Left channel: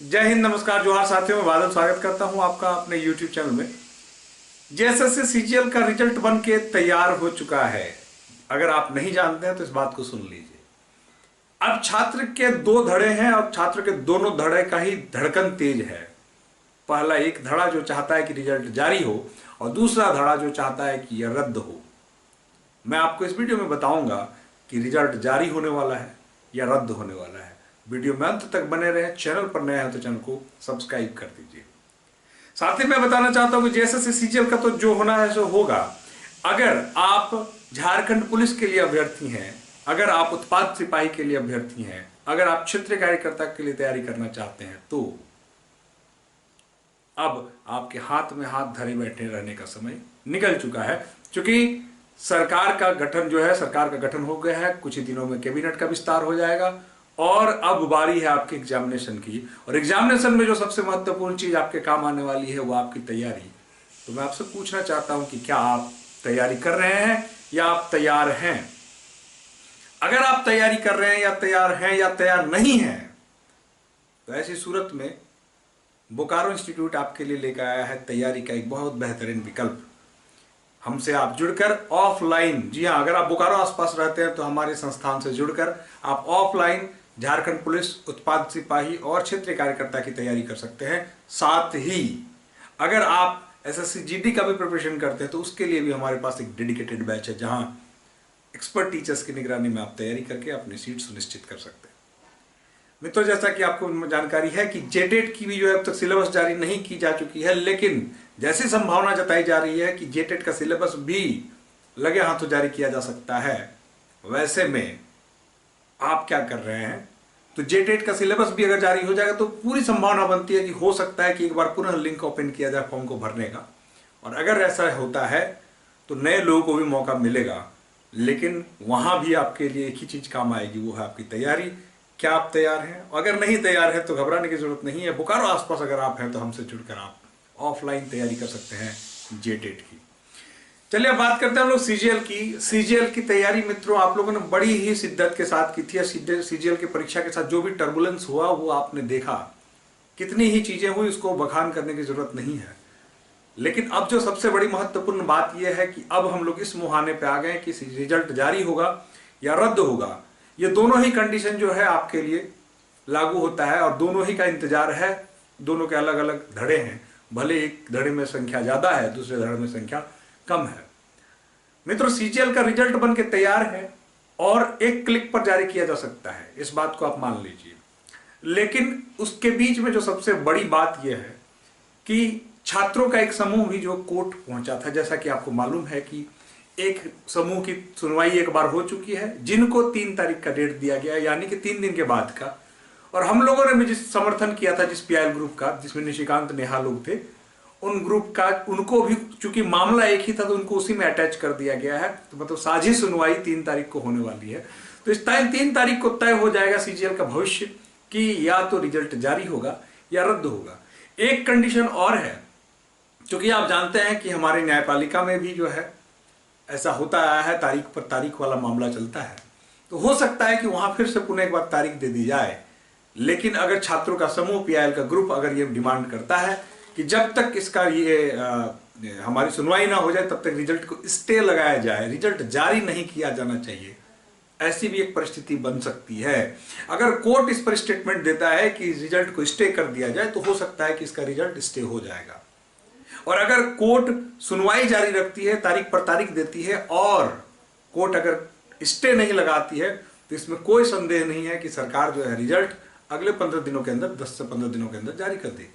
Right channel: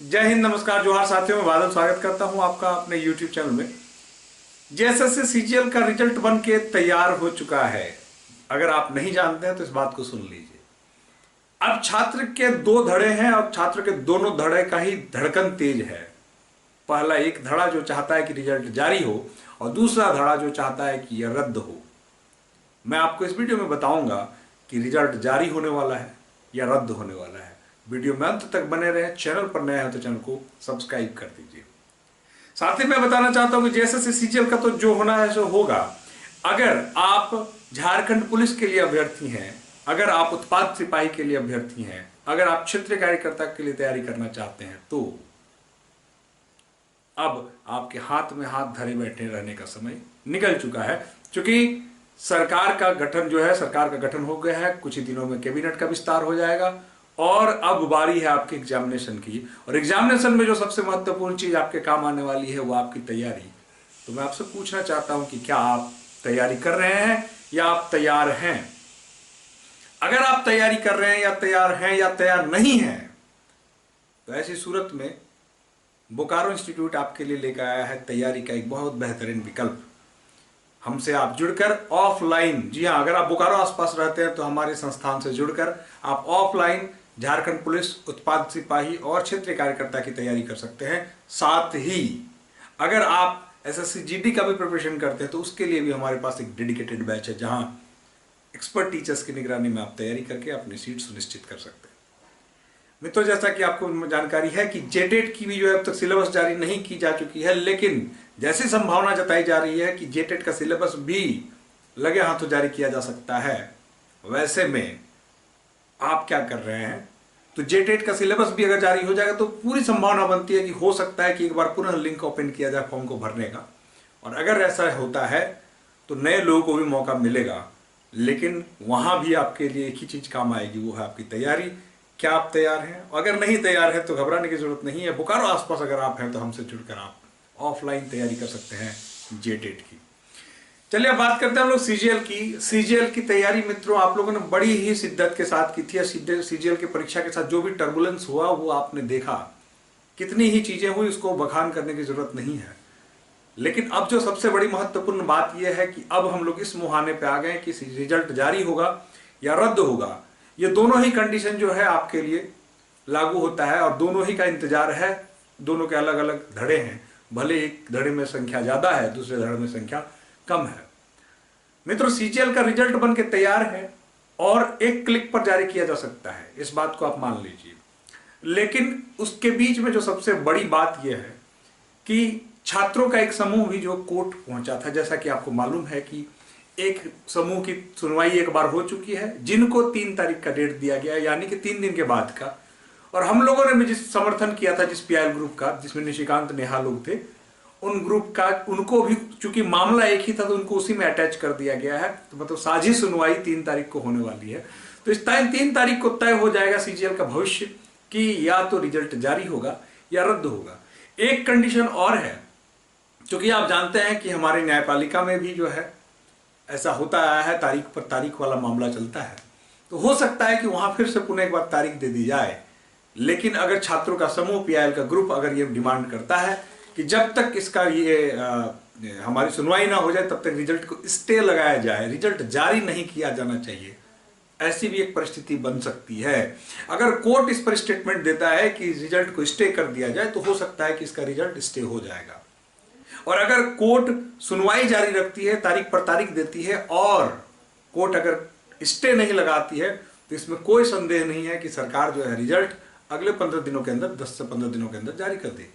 जय हिंद, नमस्कार, जोहार साथियों। मैं बादल स्वागत करता हूं आपका अपने YouTube चैनल में। जेएसएससी सीजीएल का रिजल्ट बन के तैयार हो चुका है। अगर आप नहीं जानते हैं तो इस बात को सुन लीजिए। अब छात्र के दो धड़े हैं और छात्र के दोनों धड़े का ही धड़कन तेज है। पहला एक धड़ा जो चाहता है कि रिजल्ट जारी हो और दूसरा धड़ा जो चाहता है कि यह रद्द हो। मैं आपको इस वीडियो में बताऊंगा कि रिजल्ट जारी होने वाला है या रद्द होने वाला है। वीडियो में अंत तक बने रहें। चैनल पर नए हैं तो चैनल को सब्सक्राइब कर दीजिए। साथ ही मैं बताना चाहता हूं कि जेएसएससी सीजीएल का तो जो होना है सो होगा। अगर आप झारखंड पुलिस के लिए अभ्यर्थी हैं, अगर आप उत्पाद सिपाही के लिए अभ्यर्थी हैं, अगर आप क्षेत्रीय कार्यकर्ता के लिए तैयारी करना चाहते हैं तो अब आपके हाथ में हाथ धरे बैठे रहने का समय निकल चुका है। क्योंकि सरकार का गठन जो है, सरकार का गठन हो गया है। कुछ ही दिनों में कैबिनेट का विस्तार हो जाएगा और अब बारी है आपके एग्जामिनेशन की। और एग्जामिनेशन में जो सबसे महत्वपूर्ण चीज आपके काम आने वाली है वो आपकी तैयारी। तो मैं आपसे पूछना चाहता हूं कि क्या आप तैयारी कर रहे हैं या आप तैयार हैं। अगर आप तैयारी कर रहे हैं या तैयार नहीं हैं तो ऐसी सूरत में बोकारो इंस्टीट्यूट आपके लिए लेकर आया है तैयारी का एक बहुत बेहतरीन विकल्प। हमसे आप जुड़कर ऑफलाइन, जी हाँ, अगर आप बोकारो आसपास रहते हैं तो हमारे संस्थान से जुड़कर आप ऑफलाइन झारखंड पुलिस, उत्पाद सिपाही और क्षेत्रीय कार्यकर्ता की तैयारी कर सकते हैं। साथ ही अगर आप एसएससी जीडी का भी प्रिपरेशन करते हैं तो उसके लिए भी हमारे पास एक डेडिकेटेड बैच है जहां एक्सपर्ट टीचर्स की निगरानी में आप तैयारी करके अपनी सीट सुनिश्चित कर सकते हैं। मित्रों, जैसा कि आपको जानकारी है कि जेटेट की भी जो है अब तक सिलेबस जारी नहीं की जा चुकी है, लेकिन जैसी संभावना जताई जा रही है कि जेटेट का सिलेबस भी लगे हाथों जारी किया जा सकता है। वैसे में आप क्या कर रहे हैं, तो जेटेट का सिलेबस भी अगर जारी हो जाएगा तो पूरी संभावना बनती है कि हो सकता है कि एक बार पुनः लिंक ओपन किया जाए फॉर्म को भरने का। और अगर ऐसा होता है तो नए लोगों को भी मौका मिलेगा। लेकिन वहां भी आपके लिए एक ही चीज काम आएगी, वो है आपकी तैयारी। क्या आप तैयार हैं? अगर नहीं तैयार है तो घबराने की जरूरत नहीं है। बोकारो आसपास अगर आप हैं तो हमसे जुड़कर आप ऑफलाइन तैयारी कर सकते हैं जेटेट की। चलिए अब बात करते हैं हम लोग सीजीएल की। सीजीएल की तैयारी मित्रों आप लोगों ने बड़ी ही शिद्दत के साथ की थी। सीजीएल की परीक्षा के साथ जो भी टर्बुलेंस हुआ वो आपने देखा। कितनी ही चीजें हुई, उसको बखान करने की जरूरत नहीं है। लेकिन अब जो सबसे बड़ी महत्वपूर्ण बात यह है कि अब हम लोग इस मुहाने पे आ गए कि रिजल्ट जारी होगा या रद्द होगा। ये दोनों ही कंडीशन जो है आपके लिए लागू होता है और दोनों ही का इंतजार है। दोनों के अलग अलग धड़े हैं, भले एक धड़े में संख्या ज्यादा है, दूसरे धड़े में संख्या कम है। मित्रों, सीजीएल का रिजल्ट बन के तैयार है और एक क्लिक पर जारी किया जा सकता है, इस बात को आप मान लीजिए। लेकिन उसके बीच में जो सबसे बड़ी बात यह है कि छात्रों का एक समूह भी जो कोर्ट पहुंचा था, जैसा कि आपको मालूम है कि एक समूह की सुनवाई एक बार हो चुकी है, जिनको 3 तारीख का डेट दिया गया, यानी कि 3 दिन के बाद का। और हम लोगों ने भी जिस समर्थन किया था, जिस पीआईएल ग्रुप का, जिसमें निशिकांत नेहा लोग थे, उन ग्रुप का, उनको भी चूंकि मामला एक ही था तो उनको उसी में अटैच कर दिया गया है। तो मतलब साझी सुनवाई 3 तारीख को होने वाली है। तो इस टाइम 3 तारीख को तय हो जाएगा सीजीएल का भविष्य कि या तो रिजल्ट जारी होगा या रद्द होगा। एक कंडीशन और है, क्योंकि आप जानते हैं कि हमारे न्यायपालिका में भी जो है ऐसा होता आया है, तारीख पर तारीख वाला मामला चलता है। तो हो सकता है कि वहां फिर से पुनः एक बार तारीख दे दी जाए। लेकिन अगर छात्रों का समूह, पीआईएल का ग्रुप अगर ये डिमांड करता है कि जब तक इसका हमारी सुनवाई ना हो जाए तब तक रिजल्ट को स्टे लगाया जाए, रिजल्ट जारी नहीं किया जाना चाहिए, ऐसी भी एक परिस्थिति बन सकती है। अगर कोर्ट इस पर स्टेटमेंट देता है कि रिजल्ट को स्टे कर दिया जाए तो हो सकता है कि इसका रिजल्ट स्टे हो जाएगा। और अगर कोर्ट सुनवाई जारी रखती है, तारीख पर तारीख देती है और कोर्ट अगर स्टे नहीं लगाती है तो इसमें कोई संदेह नहीं है कि सरकार जो है रिजल्ट अगले 15 दिनों के अंदर, 10 से 15 दिनों के अंदर जारी कर देगी।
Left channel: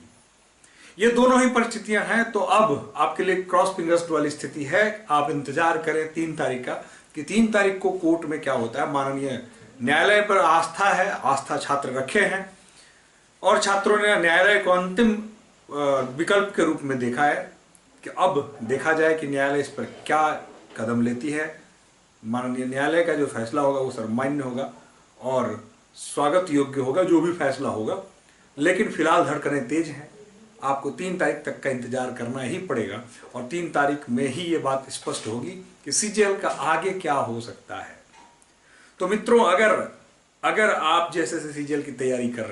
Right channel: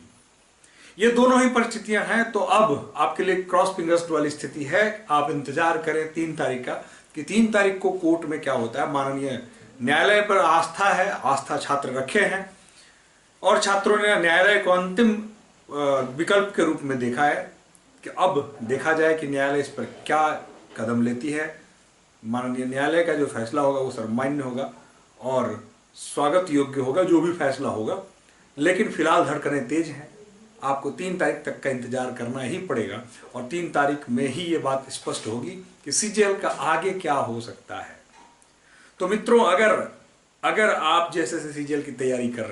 ये दोनों ही परिस्थितियां हैं। तो अब आपके लिए क्रॉस फिंगर्स वाली स्थिति है। आप इंतजार करें 3 तारीख का कि 3 तारीख को कोर्ट में क्या होता है। माननीय न्यायालय पर आस्था है, आस्था छात्र रखे हैं और छात्रों ने न्यायालय को अंतिम विकल्प के रूप में देखा है कि अब देखा जाए कि न्यायालय इस पर क्या कदम लेती है। माननीय न्यायालय का जो फैसला होगा वो सर्वमान्य होगा और स्वागत योग्य होगा, जो भी फैसला होगा। लेकिन फिलहाल धड़कनें तेज हैं। आपको 3 तारीख तक का इंतजार करना ही पड़ेगा और 3 तारीख में ही ये बात स्पष्ट होगी कि सीजीएल का आगे क्या हो सकता है। तो मित्रों, अगर अगर आप जैसे सीजीएल की तैयारी कर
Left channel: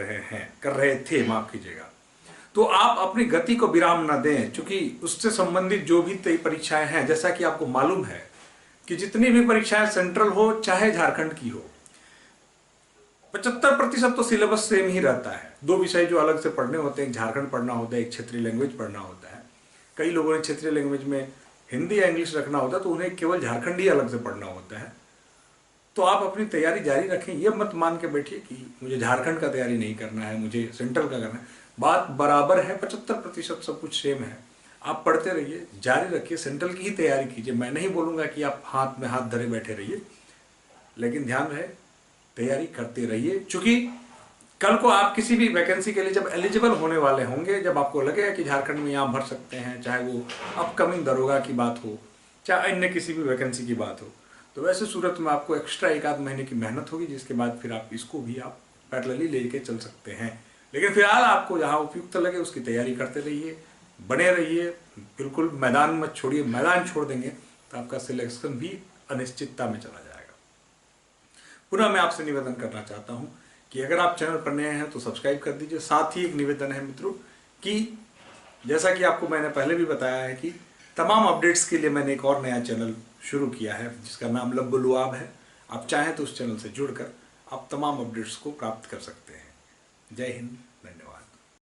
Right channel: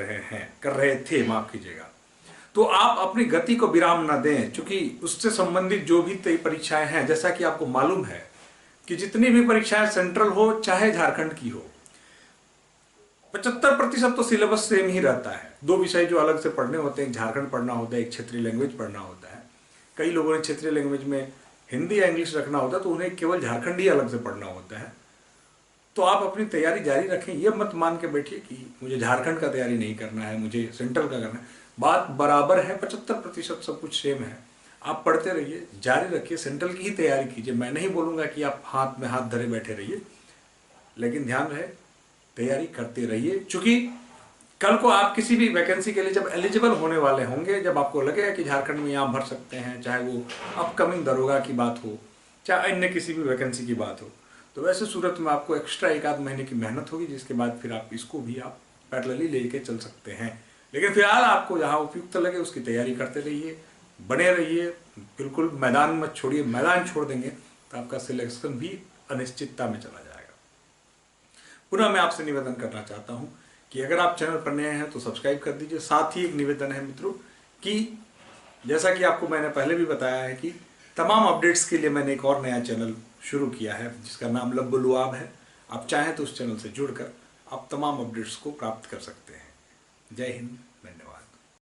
रहे थे, माफ कीजिएगा, तो आप अपनी गति को विराम ना दें, क्योंकि उससे संबंधित जो भी परीक्षाएं हैं, जैसा कि आपको मालूम है कि जितनी भी परीक्षाएं सेंट्रल हो चाहे झारखंड की हो, 75% तो सिलेबस सेम ही रहता है। 2 विषय जो अलग से पढ़ने होते हैं, एक झारखंड पढ़ना होता है, एक क्षेत्रीय लैंग्वेज पढ़ना होता है। कई लोगों ने क्षेत्रीय लैंग्वेज में हिंदी या इंग्लिश रखना होता है, तो उन्हें केवल झारखंड ही अलग से पढ़ना होता है। तो आप अपनी तैयारी जारी रखें, ये मत मान के बैठिए कि मुझे झारखंड का तैयारी नहीं करना है, मुझे सेंट्रल का करना है। बात बराबर है, 75% सब कुछ सेम है। आप पढ़ते रहिए, जारी रखिए, सेंट्रल की ही तैयारी कीजिए। मैं नहीं बोलूँगा कि आप हाथ में हाथ धरे बैठे रहिए, लेकिन ध्यान रहे तैयारी करते रहिए, क्योंकि कल को आप किसी भी वैकेंसी के लिए जब एलिजिबल होने वाले होंगे, जब आपको लगेगा कि झारखंड में यहाँ भर सकते हैं, चाहे वो अपकमिंग दरोगा की बात हो, चाहे अन्य किसी भी वैकेंसी की बात हो, तो वैसे सूरत में आपको एक्स्ट्रा 1 आध महीने की मेहनत होगी, जिसके बाद फिर आप इसको भी आप पैरेलली लेके चल सकते हैं। लेकिन फिलहाल आपको जहाँ उपयुक्त लगे उसकी तैयारी करते रहिए, बने रहिए, बिल्कुल मैदान मत छोड़िए। मैदान छोड़ देंगे तो आपका सिलेक्शन भी अनिश्चितता में चला जाएगा। पुनः मैं आपसे निवेदन करना चाहता हूँ कि अगर आप चैनल पर नए हैं तो सब्सक्राइब कर दीजिए। साथ ही एक निवेदन है मित्रों कि जैसा कि आपको मैंने पहले भी बताया है कि तमाम अपडेट्स के लिए मैंने एक और नया चैनल शुरू किया है, जिसका नाम लब्बो लुआब है। आप चाहें तो उस चैनल से जुड़कर आप तमाम अपडेट्स को प्राप्त कर सकते हैं। जय हिंद।